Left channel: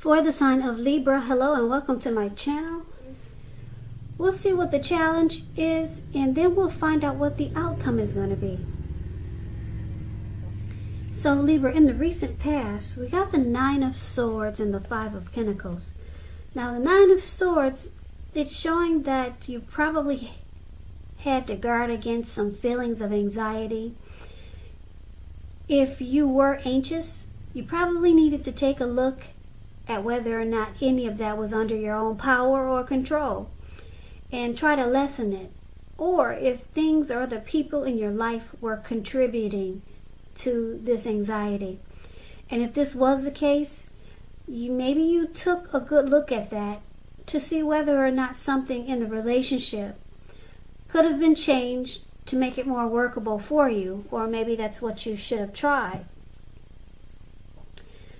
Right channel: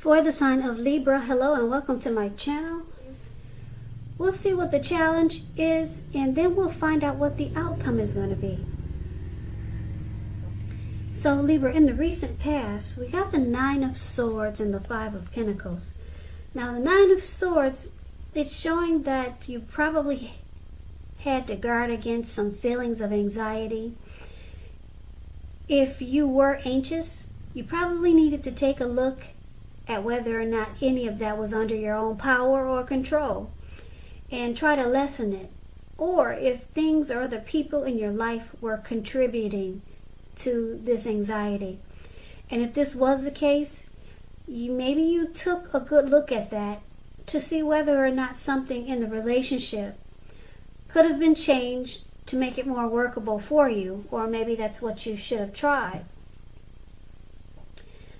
For the sign of Libra, hello and welcome to my channel. We'll see what the challenge is and then we'll find out what the outcome is going to be. So Libra, in the recent past, we got the Nine of Swords and the Five of Pentacles. Now the Nine of Swords, it's showing that you probably had to guard against some feelings of anxiety. If you were anxious, you probably needed to take a look at whether or not any of that was under your own power or control and try to lessen it. Or if things or the people in your life were contributing to this anxiety. And if this was the case, maybe you took a good look at that to see whether or not something in the relationship could have been changed to make it more workable for you. Or maybe that's what you should have tried.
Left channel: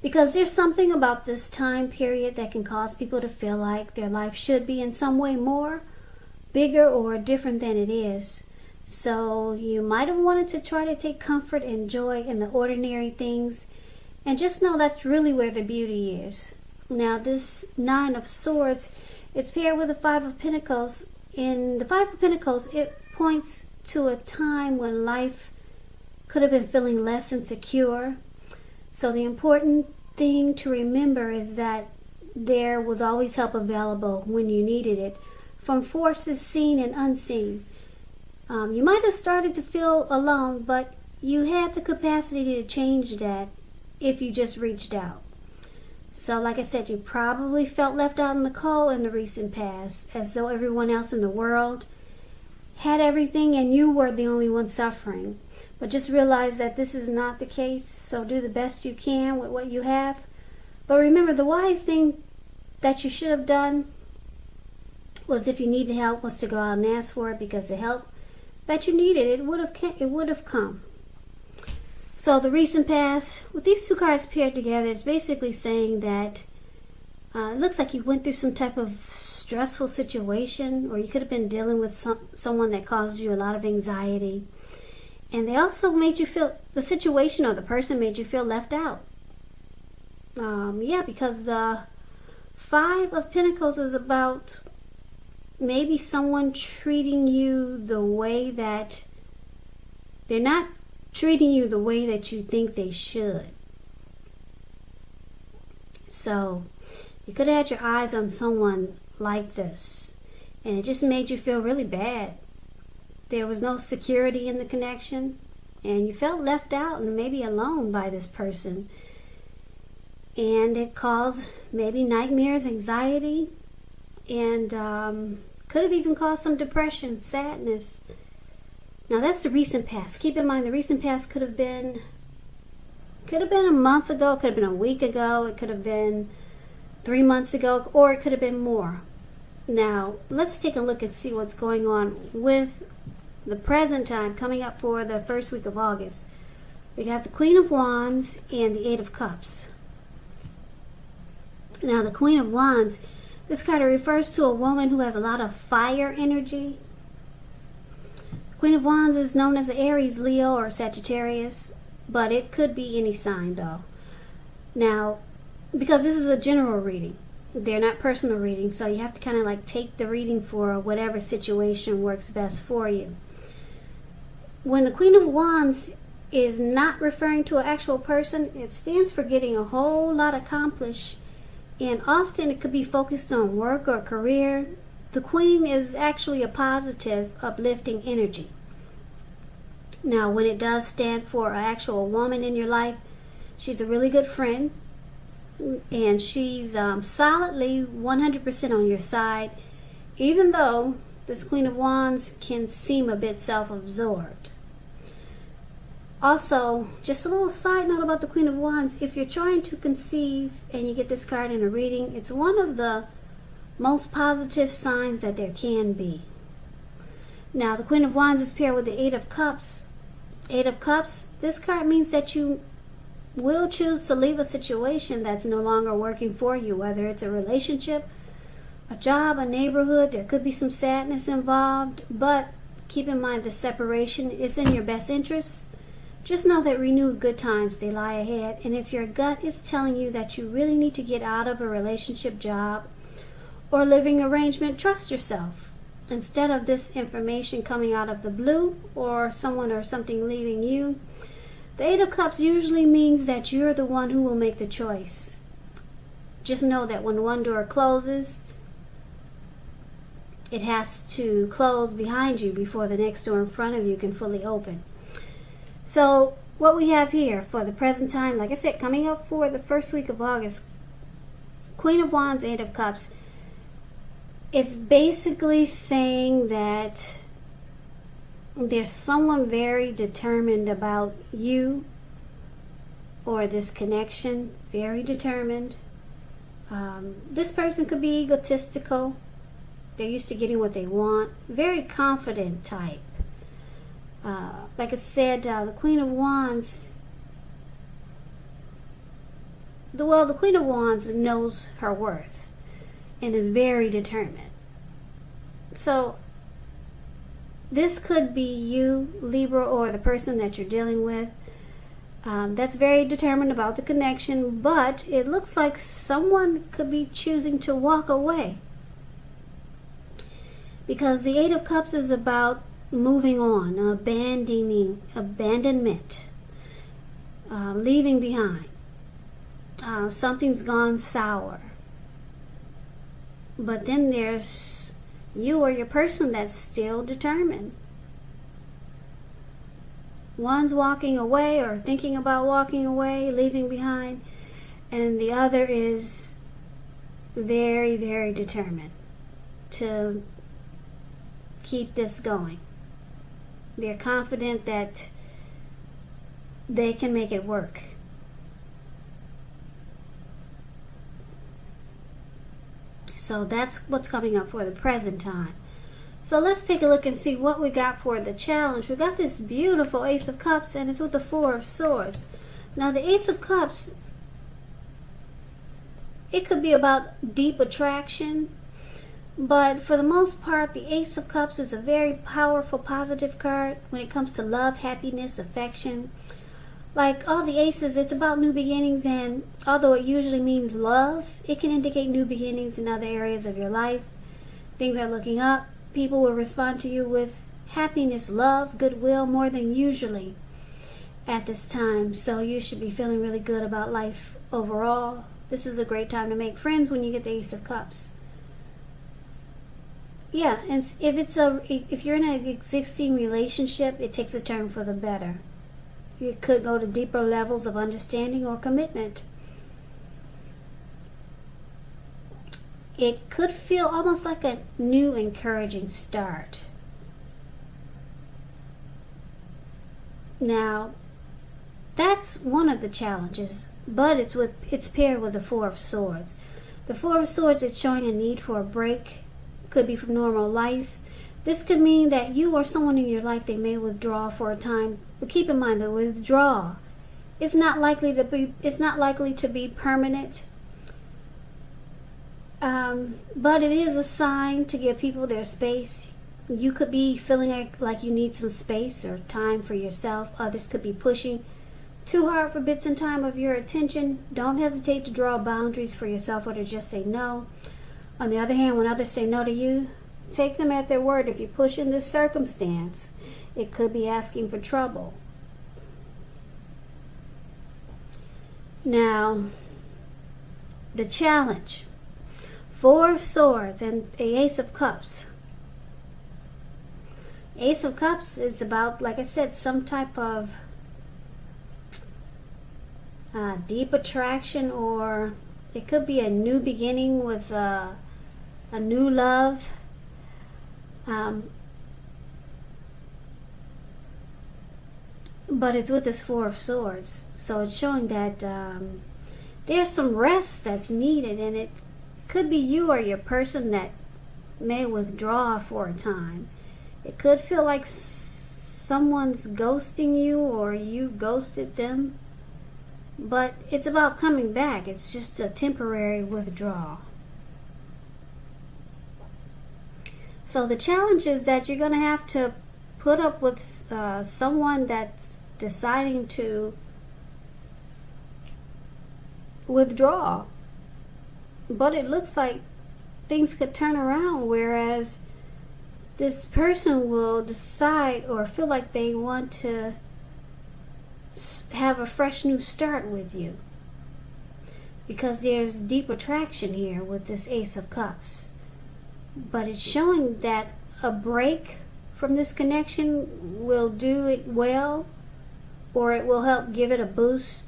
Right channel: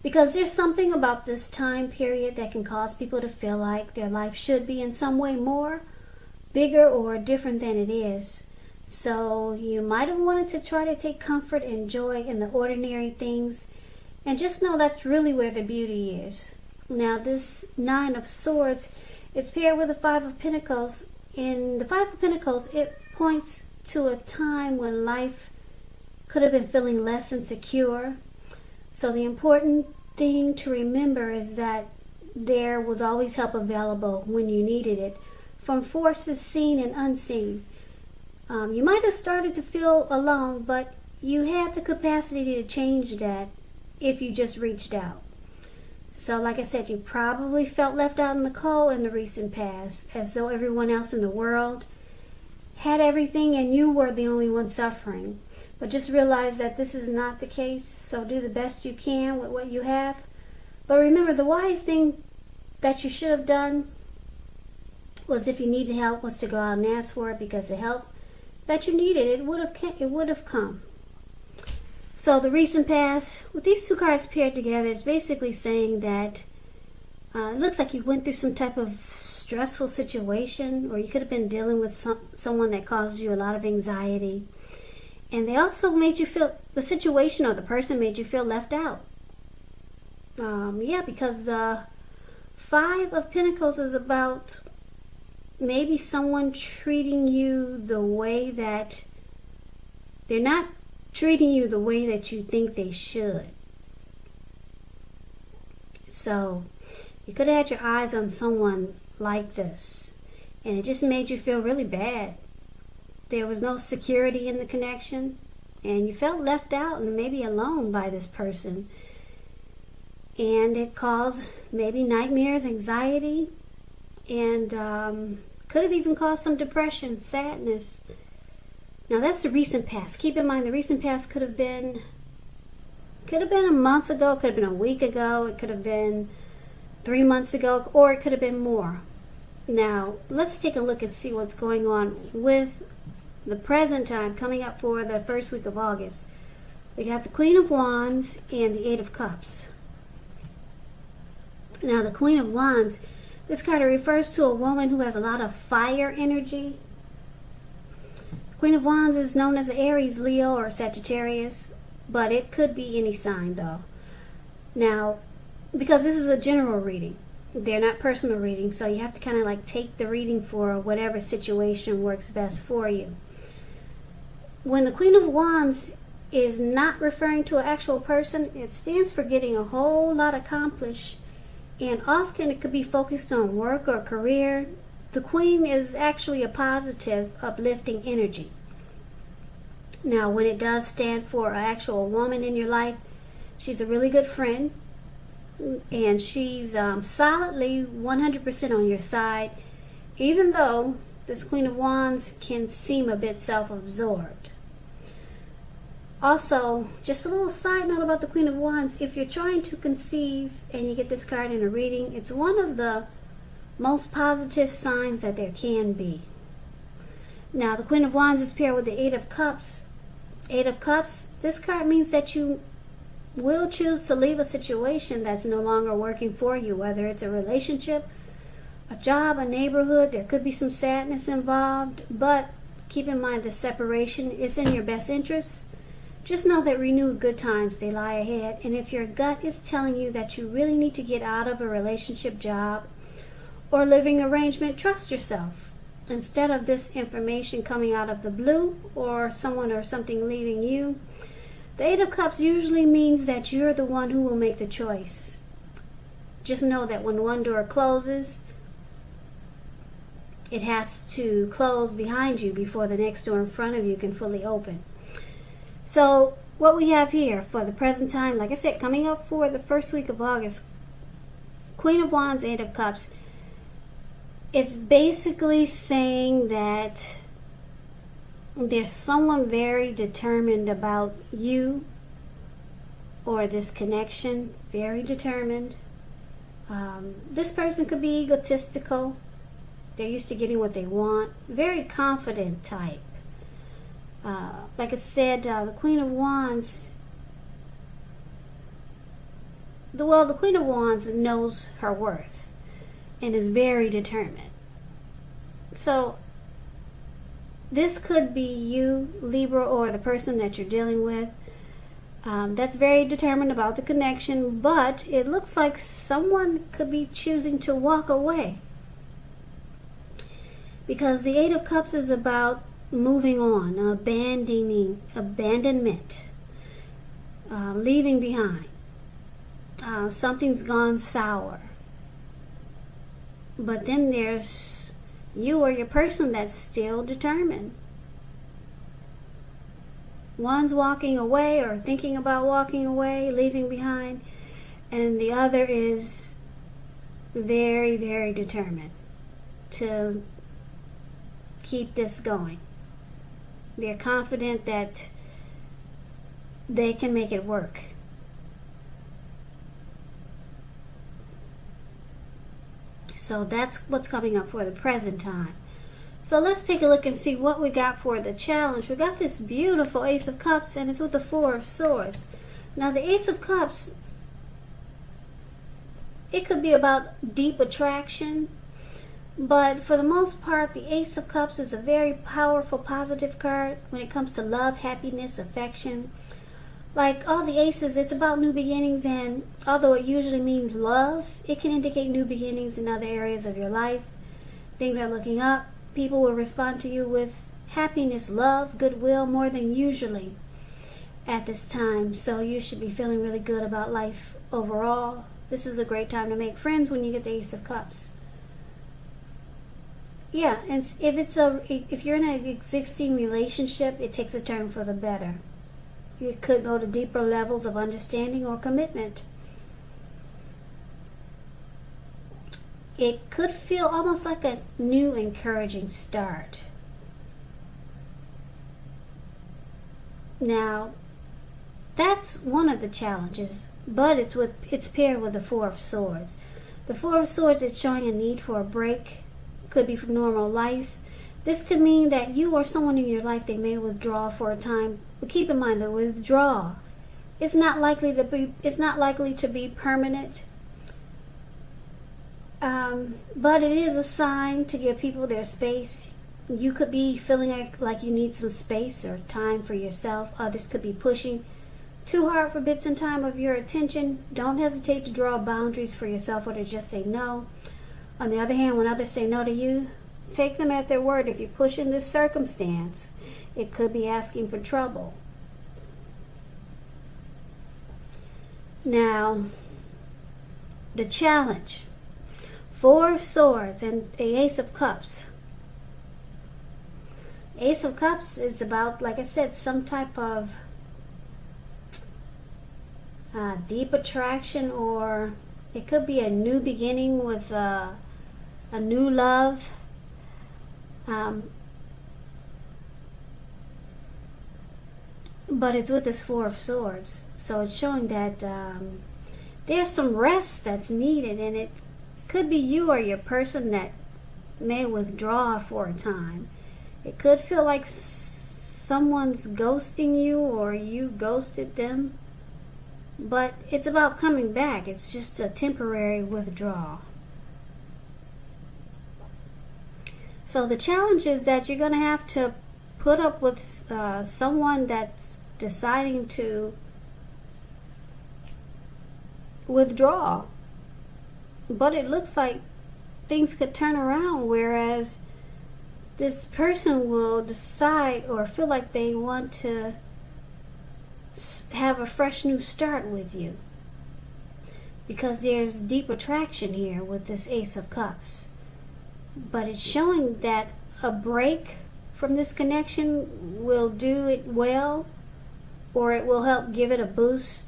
Because there's something about this time period that can cause people to feel like their life should be in some way more, bigger, or different than it is. So you might have wanted to try to take comfort and joy in the ordinary things. And just know that's really where the beauty is. Now this Nine of Swords, it's paired with the Five of Pentacles. In the Five of Pentacles, it points to a time when life could have been feeling less insecure. So the important thing to remember is that there was always help available when you needed it, from forces seen and unseen. You might have started to feel alone, but you had the capacity to change that if you just reached out. So like I said, you probably felt left out in the cold in the recent past, as though everyone else in the world had everything and you were the only one suffering. But just realize that this is not the case, so do the best you can with what you have. But remember, the wise thing that you should have done was, if you needed help, was to go out and ask for it, because the help that you needed, it would have come. So the recent past, with these two cards paired together, it's basically saying that it looks like you went through some type of stressful situation, or you could have been dealing with someone that caused you a lot of anxiety. And they also made you feel, the situation or the person made you feel left out. Because the Five of Pentacles is about maybe someone treating you the way that they're not treating you the way that you think they should. So you could have had your eyes on someone like this, and it just made you feel really bad. There was no security in the connection, and you felt left out and maybe alone by this person. And it caused maybe nightmares, anxiety, and could have even caused some depression, sadness. Now that's the recent past. Keep in mind, the recent past could have been a month ago, could have been a week ago, it could have been 3 months ago, or it could have been more. Now let's take a look and see what's going on with the present time coming up for the first week of August. We got the Queen of Wands and the Eight of Cups. Now the Queen of Wands, this card refers to a woman who has a lot of fire energy. Queen of Wands is known as Aries, Leo, or Sagittarius, but it could be any sign though. Now, because this is a general reading, they're not personal readings, so you have to kind of like take the reading for whatever situation works best for you. When the Queen of Wands is not referring to an actual person, it stands for getting a whole lot accomplished, and often it could be focused on work or career. The Queen is actually a positive, uplifting energy. Now, when it does stand for an actual woman in your life, she's a really good friend, and she's solidly 100% on your side, even though this Queen of Wands can seem a bit self-absorbed. Also, just a little side note about the Queen of Wands, if you're trying to conceive and you get this card in a reading, it's one of the most positive signs that there can be. Now, the Queen of Wands is paired with the Eight of Cups. Eight of Cups, this card means that you will choose to leave a situation that's no longer working for you, whether it's a relationship, a job, a neighborhood. There could be some sadness involved, but keep in mind the separation is in your best interest. Just know that renewed good times, they lie ahead. And if your gut is telling you that you really need to get out of a relationship, job, or living arrangement, trust yourself. Instead of this information coming out of the blue, or someone or something leaving you, the Eight of Cups usually means that you're the one who will make the choice. Just know that when one door closes, it has to close behind you before the next door in front of you can fully open. So what we have here for the present time, like I said, coming up for the first week of August, Queen of Wands, Eight of Cups, it's basically saying that there's someone very determined about you or this connection, very determined. This person could be egotistical. They're used to getting what they want. Very confident type. Like I said, the Queen of Wands, the Queen of Wands knows her worth and is very determined. So this could be you, Libra, or the person that you're dealing with that's very determined about the connection, but it looks like someone could be choosing to walk away. Because the Eight of Cups is about moving on, abandonment, leaving behind. Something's gone sour. But then there's you or your person that's still determined. One's walking away or thinking about walking away, leaving behind, and the other is very, very determined to keep this going. They're confident that they can make it work. So that's what's coming up for the present time. So let's take a look and see what we got for the challenge. We got this beautiful Ace of Cups, and it's with the Four of Swords. Now the Ace of Cups, it could be about deep attraction, but for the most part, the Ace of Cups is a very powerful, positive card when it comes to love, happiness, affection. Like all the aces, it's about new beginnings, and although it usually means love, it can indicate new beginnings in other areas of your life. Things are looking up. People will respond to you with happiness, love, goodwill, more than usually at this time. So you should be feeling really good about life overall. This is a great time to make friends when you get the Ace of Cups. Yeah, and if you're in an existing relationship, it takes a turn for the better. You could go to deeper levels of understanding or commitment. It could feel almost like a new encouraging start. Now, that's one of the challenges, but it's paired with the Four of Swords. The Four of Swords is showing a need for a break. Could be from normal life. This could mean that you or someone in your life, they may withdraw for a time. But keep in mind, the withdrawal, it's not likely to be permanent. But it is a sign to give people their space. You could be feeling like you need some space or time for yourself. Others could be pushing too hard for bits and time of your attention. Don't hesitate to draw boundaries for yourself or to just say no. On the other hand, when others say no to you, take them at their word. If you push in this circumstance, it could be asking for trouble. Now, the challenge. Four of Swords and the Ace of Cups. Ace of Cups is about, like I said, some type of deep attraction, or it could be a new beginning with a new love. But it's with this Four of Swords. So it's showing that there's some rest that's needed, and it could be you or your person that may withdraw for a time. It could feel like someone's ghosting you or you ghosted them. But it's about coming back. It's just a temporary withdrawal. So the challenge is that you're going to have to put up with someone that's deciding to withdraw. But it looks like things could turn around, whereas this person will decide or feel like they want to have a fresh new start with you, because there's deep attraction here with this Ace of Cups. But it's showing that a break from this connection will do it well, or it will help give it a boost,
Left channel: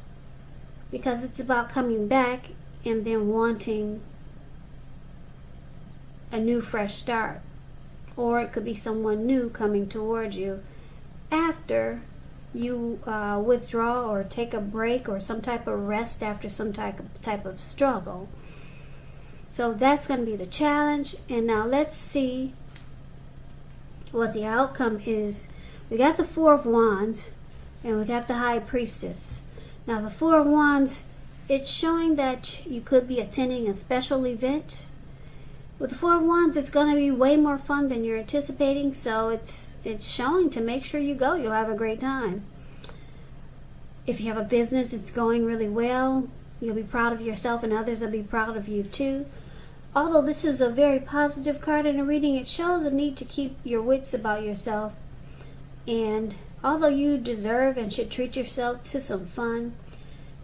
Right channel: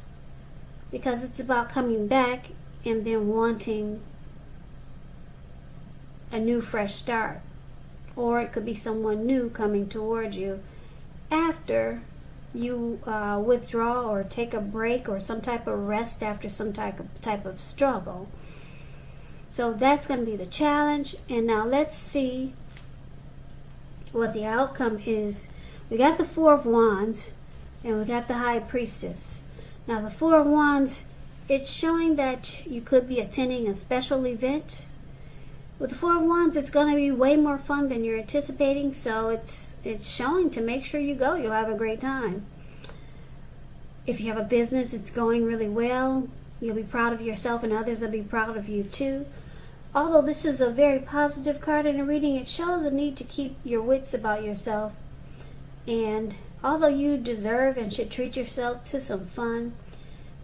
because it's about coming back and then wanting a new fresh start. Or it could be someone new coming towards you after you withdraw or take a break or some type of rest after some type of struggle. So that's going to be the challenge. And now let's see what the outcome is. We got the Four of Wands and we got the High Priestess. Now the Four of Wands, it's showing that you could be attending a special event. With the Four of Wands, it's going to be way more fun than you're anticipating, so it's showing to make sure you go. You'll have a great time. If you have a business, it's going really well. You'll be proud of yourself and others will be proud of you too. Although this is a very positive card in a reading, it shows a need to keep your wits about yourself. And although you deserve and should treat yourself to some fun,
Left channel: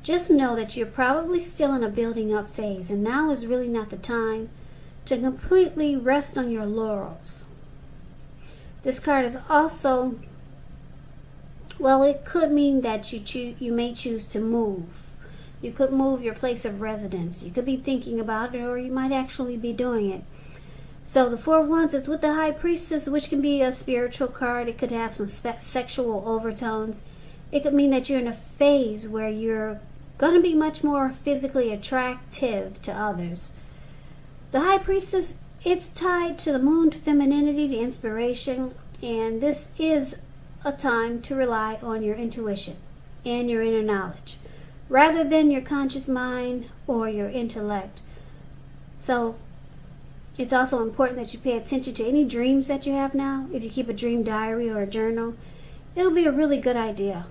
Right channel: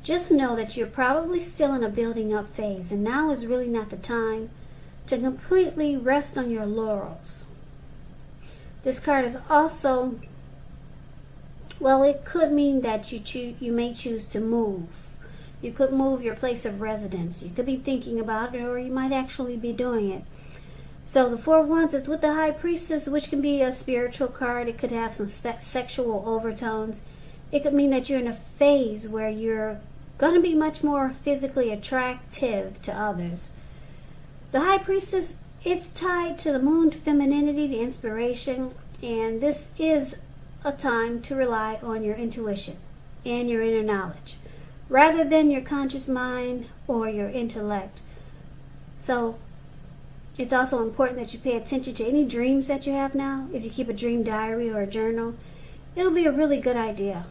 just know that you're probably still in a building up phase, and now is really not the time to completely rest on your laurels. This card is also, well, it could mean that you may choose to move. You could move your place of residence. You could be thinking about it, or you might actually be doing it. So the Four of Wands is with the High Priestess, which can be a spiritual card. It could have some sexual overtones. It could mean that you're in a phase where you're going to be much more physically attractive to others. The High Priestess, it's tied to the moon, to femininity, to inspiration, and this is a time to rely on your intuition and your inner knowledge, rather than your conscious mind or your intellect. So it's also important that you pay attention to any dreams that you have now. If you keep a dream diary or a journal, it'll be a really good idea.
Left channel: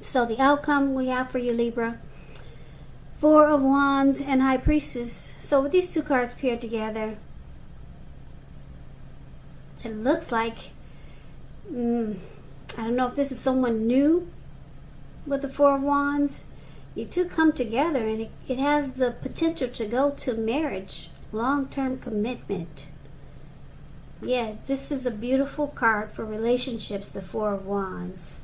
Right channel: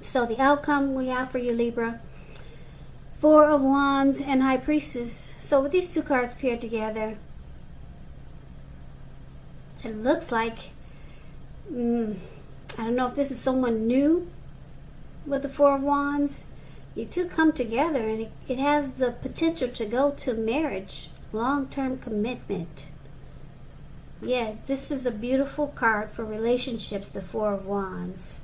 So the outcome we have for you, Libra, Four of Wands and High Priestess. So with these two cards paired together, it looks like, I don't know if this is someone new with the Four of Wands. You two come together and it has the potential to go to marriage, long-term commitment. Yeah, this is a beautiful card for relationships, the Four of Wands.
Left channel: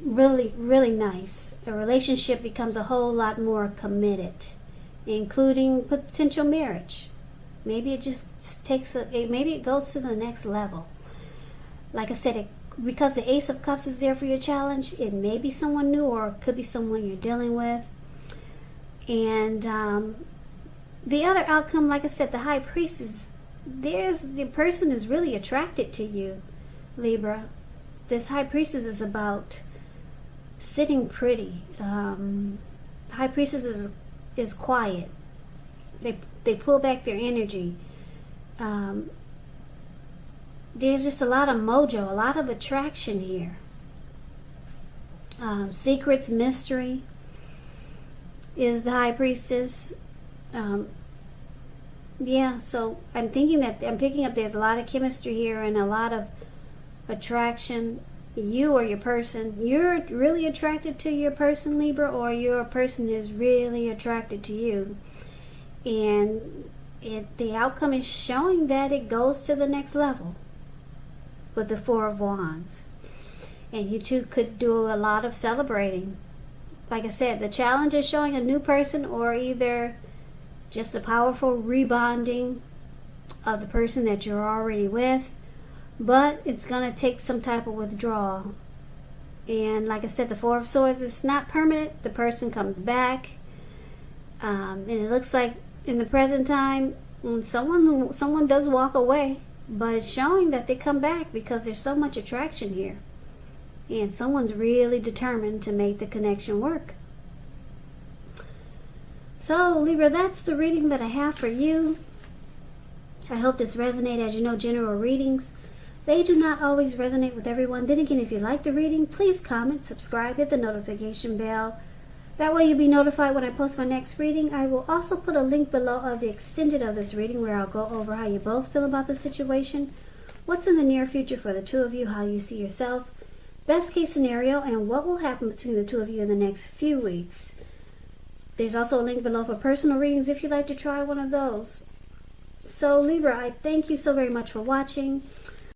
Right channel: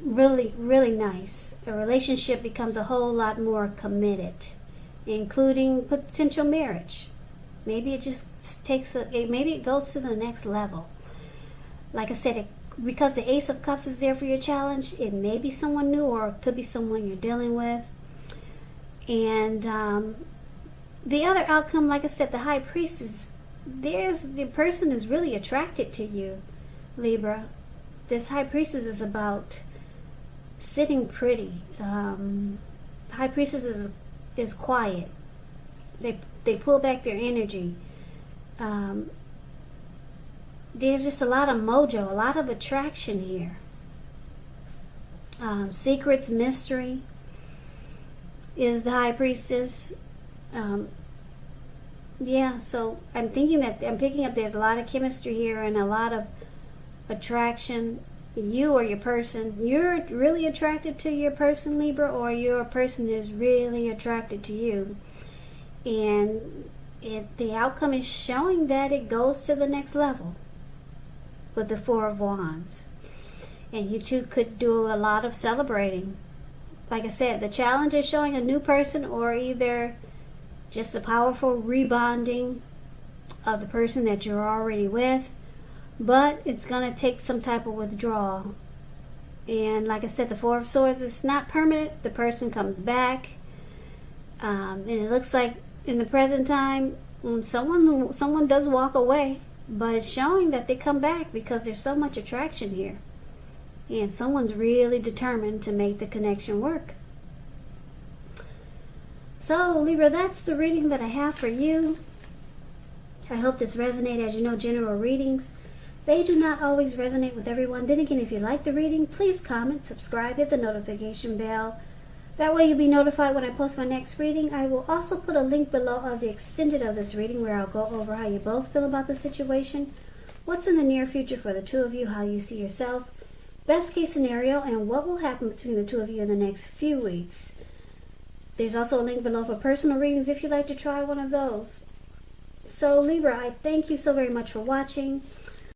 Really, really nice. A relationship becomes a whole lot more committed, including potential marriage. Maybe it just maybe it goes to the next level. Like I said, because the Ace of Cups is there for your challenge, it may be someone new, or it could be someone you're dealing with. And the other outcome, like I said, the High Priestess, the person is really attracted to you, Libra. This High Priestess is about sitting pretty. High Priestess is quiet. They pull back their energy. There's just a lot of mojo, a lot of attraction here. Secrets, mystery is the High Priestess. Yeah, so I'm picking up there's a lot of chemistry here and a lot of attraction. You or your person, you're really attracted to your person, Libra, or your person is really attracted to you. And the outcome is showing that it goes to the next level with the Four of Wands. And you two could do a lot of celebrating. Like I said, the challenge is showing a new person, or either just a powerful rebonding of the person that you're already with. But it's going to take some type of withdrawal. And like I said, the Four of Swords is not permanent. The person comes back. And it looks like in the present time, someone does walk away. But it's showing that they come back because there's so much attraction here. And someone's really determined to make the connection work. So, Libra, that's the reading that I have for you. I hope this resonated. As you know, general readings, They do not always resonate with everyone. Then again, if you like the reading, please comment, subscribe, hit the notification bell. That way you'll be notified when I post my next reading. I will also put a link below of the extended of this reading where I'll go over how you both feel about the situation, what's in the near future for the two of you, how you see yourself, best case scenario, and what will happen between the two of you in the next few weeks. There's also a link below for personal readings if you'd like to try one of those. So Libra, I thank you so very much for watching.